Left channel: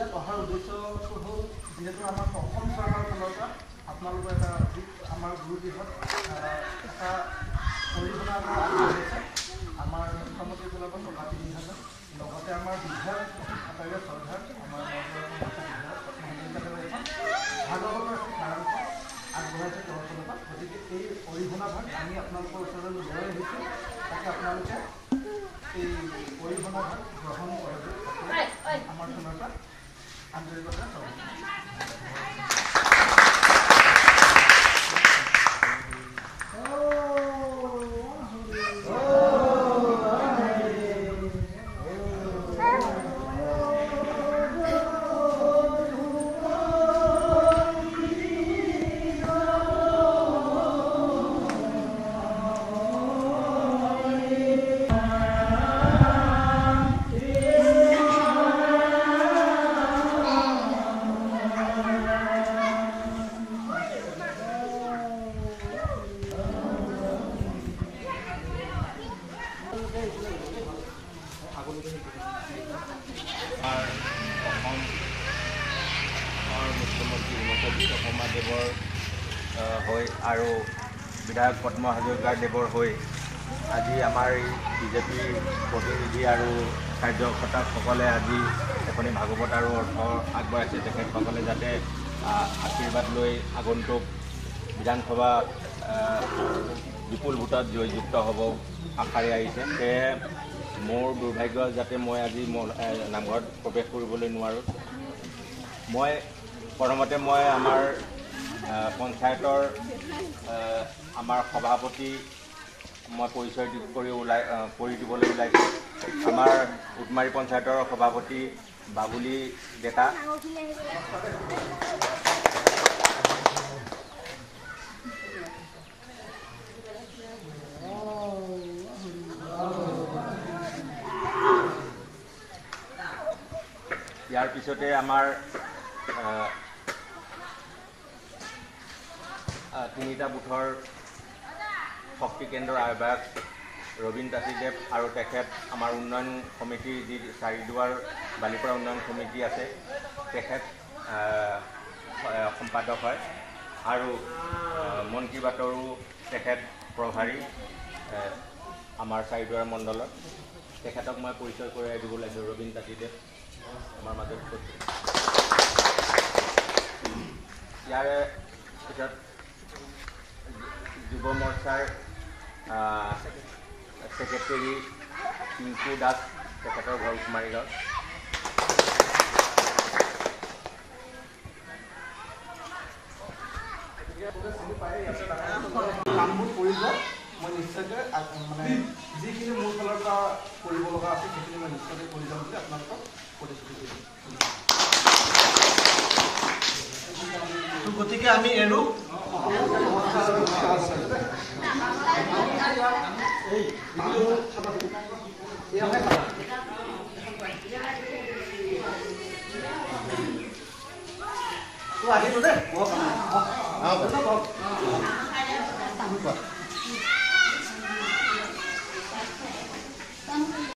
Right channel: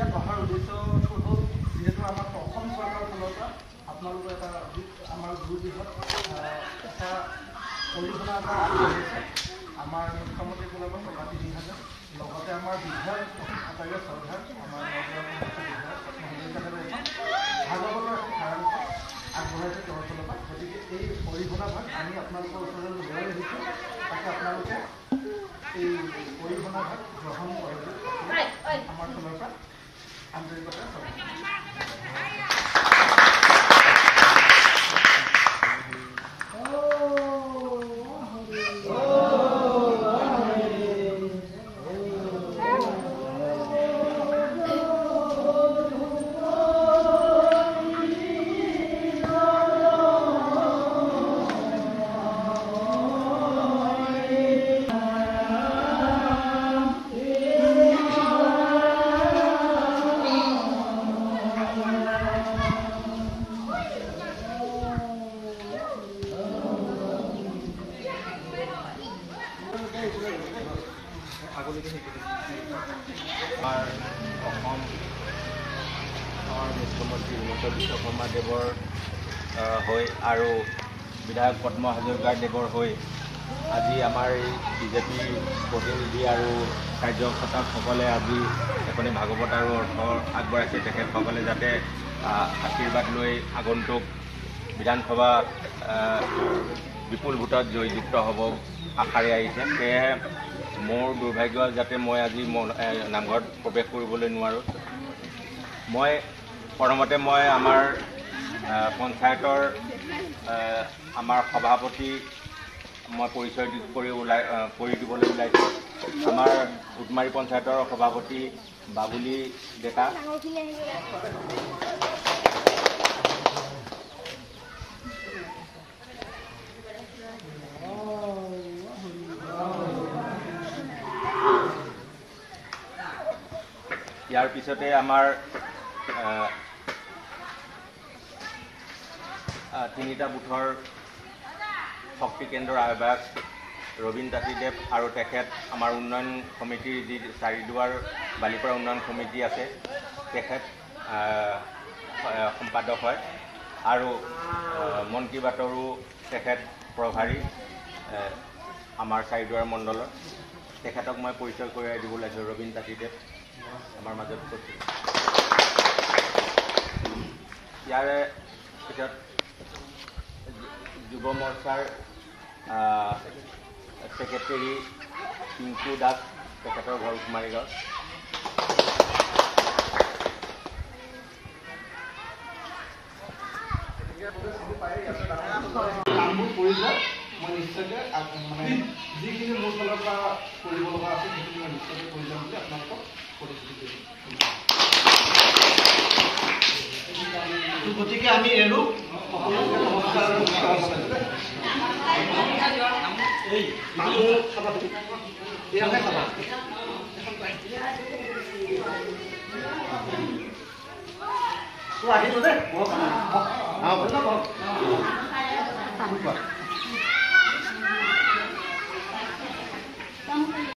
ইয়াত অহাৰ উদ্দেশ্যটো হ'ল যিহেতু আমাৰ অসম চৰকাৰৰ ফালৰ পৰা আপোনালোকৰ এটা আমাৰ গুৰুগৃহত এটা অৰিহণা এটা আগবঢ়াইছে আমাৰ মুখ্যমন্ত্ৰীৰ ফালৰ পৰা টকা ৩,০০০ লগতে আমাৰ বিধায়ক আচাৰ্য চৰকাৰ আমাৰ বিধায়ক পদ্মহাজৰিকাদেৱে এখন ভাগৱতৰ এখন সাৰাংশ আগবঢ়াইছে তেওঁৰ ফালৰ পৰা। গতিকে এই অৰিহণা ভাগ আমি আপোনালোকৰ ওচৰলৈ লৈ আহিছোঁ, তাকে আপোনালোকে এই অৰিহণা ভাগ গ্ৰহণ কৰে আমাৰ ফালৰ পৰা আন্তৰিকতাৰে স্বাগতম। আমাৰ অসমৰ মুখ্যমন্ত্ৰী হিমন্ত বিশ্ব শৰ্মাদেৱৰ হৈ আৰু বিধায়ক পদ্ম হাজৰিকাদেৱৰ হৈ আজি আমাৰ এই বিজেপি প্ৰতিনিধি আৰু কাৰ্যকৰ্তাসকলে আজি এখনি ভাগৱত আৰু অৰ্থ আগবঢ়াইছে। তেখেতসকলে যাতে আশীৰ্বাদ লৈ আগন্তুক বিধানসভা বিপুল ভোটত জয়যুক্ত হ'ব আশাৰে আহিছে। সেয়েহে মোৰ দুৰ্ভাগ্য যাতে মই আজি নামঘৰত প্ৰৱেশ কৰিবলৈ নোৱাৰোঁ। প্ৰথমতে মই আমাৰ পঞ্চায়তৰ আমাৰ সভাপতি মই পৰিচয় কৰি দিবলৈ ওলাইছোঁ। আমাৰ উটমাৰী পঞ্চায়তৰ সভাপতি বাবুলি ডেকা, ইয়াৰ পিছতে আমাৰ তিনিটা বুথৰ শক্তি কেন্দ্ৰৰ আহ্বায়ক ৰবীন তাঁতীদেৱ আৰু তেখেত আমাৰ উন্নয়ন সমিতিৰ যি চাৰিদুৱাৰ বালিপৰা উন্নয়ন সমিতি আছে তেখেত সম্পাদক হয় আৰু মন কী বাতৰো তেখেত প্ৰভাৰী আমাৰ চাৰিদুৱাৰ মণ্ডলৰ। তেখেতক মই পৰিচয় কৰাই দিব লাগিব। ৰবীন তাঁতীদেৱ আমাৰ মাজত উপস্থিত। ইয়াৰে পিছত যুৱ মৰ্চাৰ ছেক্ৰেটেৰী পিংকু দাস, তেখেতৰ ঘৰ কুমাৰীগাঁও। কামবোৰ কৰি যোৱা মই নিশ্চয়কৈ মানে যিখিনি মোৰ ফালৰ পৰা কৰিব লগা আছে সেইখিনি মই নিশ্চয়কৈ কৰি যাম বুলি আপোনালোকক প্ৰতিশ্ৰুতি দিম। গতিকে আমি এৰো সকলোকে নমস্কাৰ আৰু সেৱা জনাইছোঁ। আহিলোঁ দেই।